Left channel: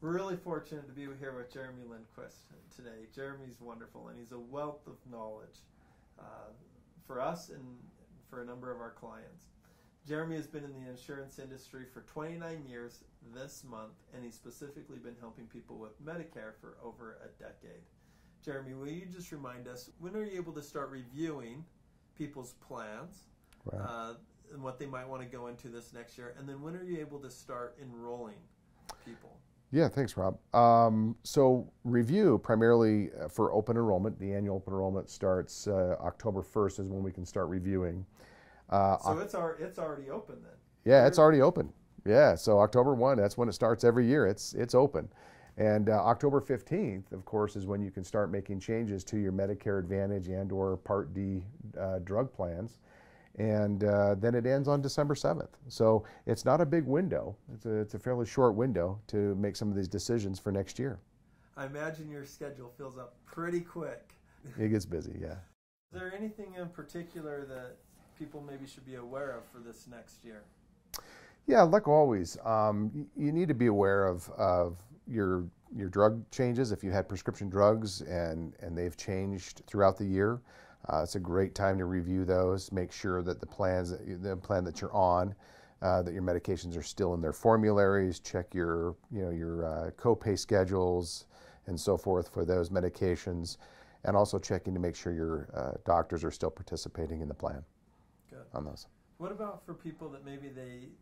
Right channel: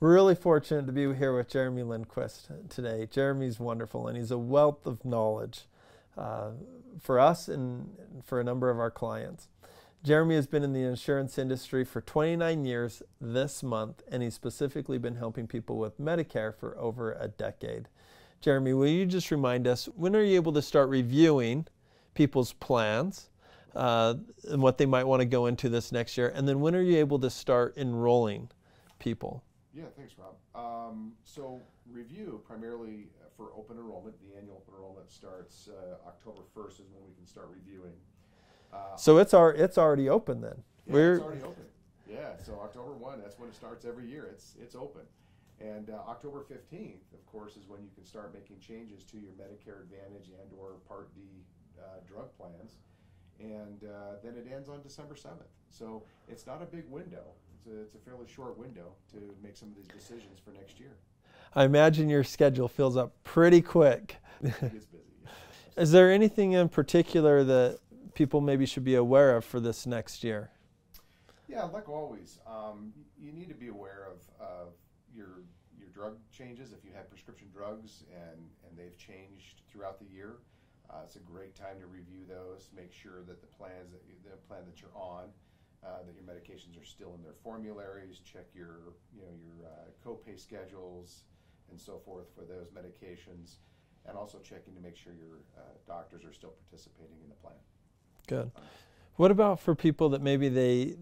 We're really fortunate to be here with Jeremy Lindquist today. Jeremy's wonderful, and he's a wealth of knowledge for us and for a number of our clients. Jeremy has been in the insurance industry for 29 years this month, and he's specifically been helping people with Medicare for over a decade. Jeremy, will you just remind us, when are you able to start reviewing people's plans and what they might want to go into this next year? And then when are you able to start enrolling people? Yeah, thanks, Rob. So review primarily for open enrollment. The annual open enrollment starts October 1st is when we can start reviewing. So it's already open then? Yeah, it's already open. Yeah, so October 1, that's when it starts every year. It's open. And October 15th, of course, is when you can start making changes to your Medicare Advantage and or Part D drug plans. And then it ends on December 7th. So it's not a big window. It's a fairly short window to make some of these decisions for next year. I imagine your schedule fills up pretty quick. It gets busy, yeah. Is there anything in particular that people maybe should be aware of for this next year? Yeah, like always, you need to be aware of your drug changes. If you had prescription drugs and they've changed throughout the year, it's a great time to review those. Make sure that the plan that you're on, that your medications are still in their formularies. Check your copay schedules and so forth for those medications, and also checking to make sure your doctors are still participating in the plan. Good. On those. What about for people that maybe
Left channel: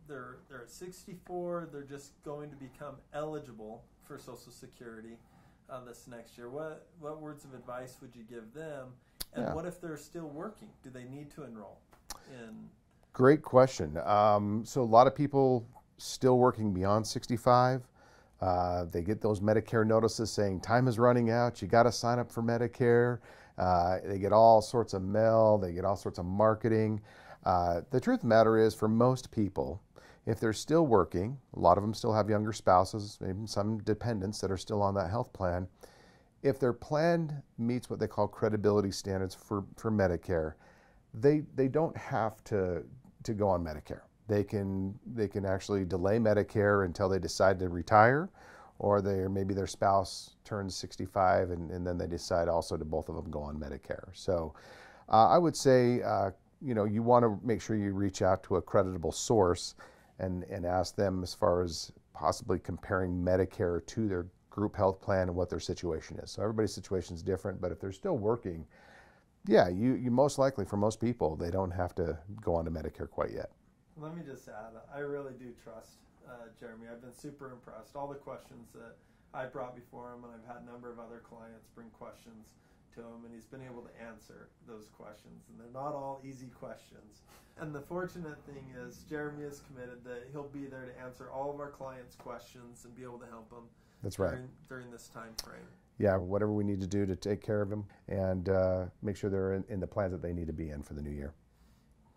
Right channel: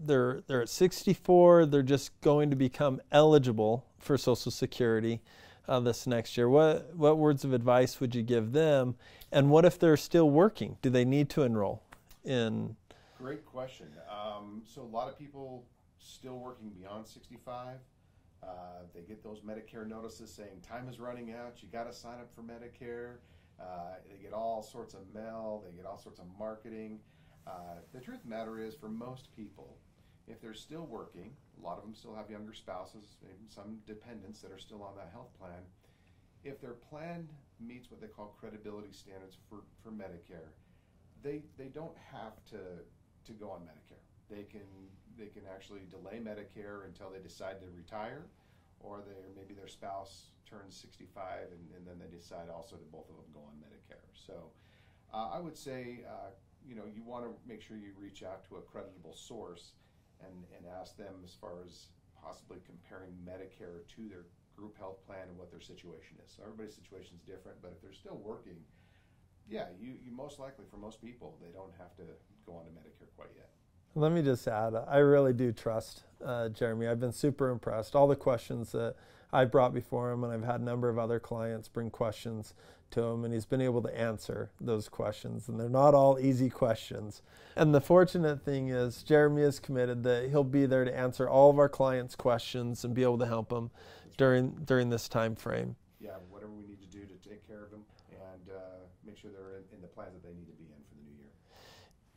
they're at 64, they're just going to become eligible for Social Security this next year? What words of advice would you give them? And what if they're still working? Do they need to enroll in? Great question. So a lot of people still working beyond 65. They get those Medicare notices saying time is running out, you got to sign up for Medicare. They get all sorts of mail, they get all sorts of marketing. The truth of the matter is, for most people, if they're still working, a lot of them still have younger spouses, maybe some dependents that are still on that health plan. If their plan meets what they call credibility standards for Medicare, they don't have to go on Medicare. They can actually delay Medicare until they decide to retire, or maybe their spouse turns 65 and then they decide also to both of them go on Medicare. So I would say you want to make sure you reach out to a creditable source and ask them as far as possibly comparing Medicare to their group health plan and what their situation is. So everybody's situation is different, but if they're still working, yeah, you most likely, for most people, they don't have to go on to Medicare quite yet. Let me just add, I really do trust Jeremy. I've been super impressed. All the questions that I brought before him, and I've had a number of other clients bring questions to him, and he's been able to answer those questions, and they're not all easy questions. And the fortunate thing is Jeremy is committed that he'll be there to answer all of our clients' questions and be able to help them during this time frame. Yeah, whatever we need to do to take care of them and make sure they're in the plans that they need to be in for the new year.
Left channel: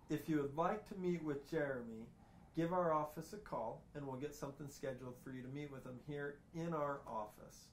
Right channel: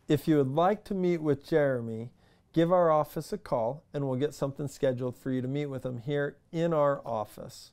If you would like to meet with Jeremy, give our office a call and we'll get something scheduled for you to meet with him here in our office.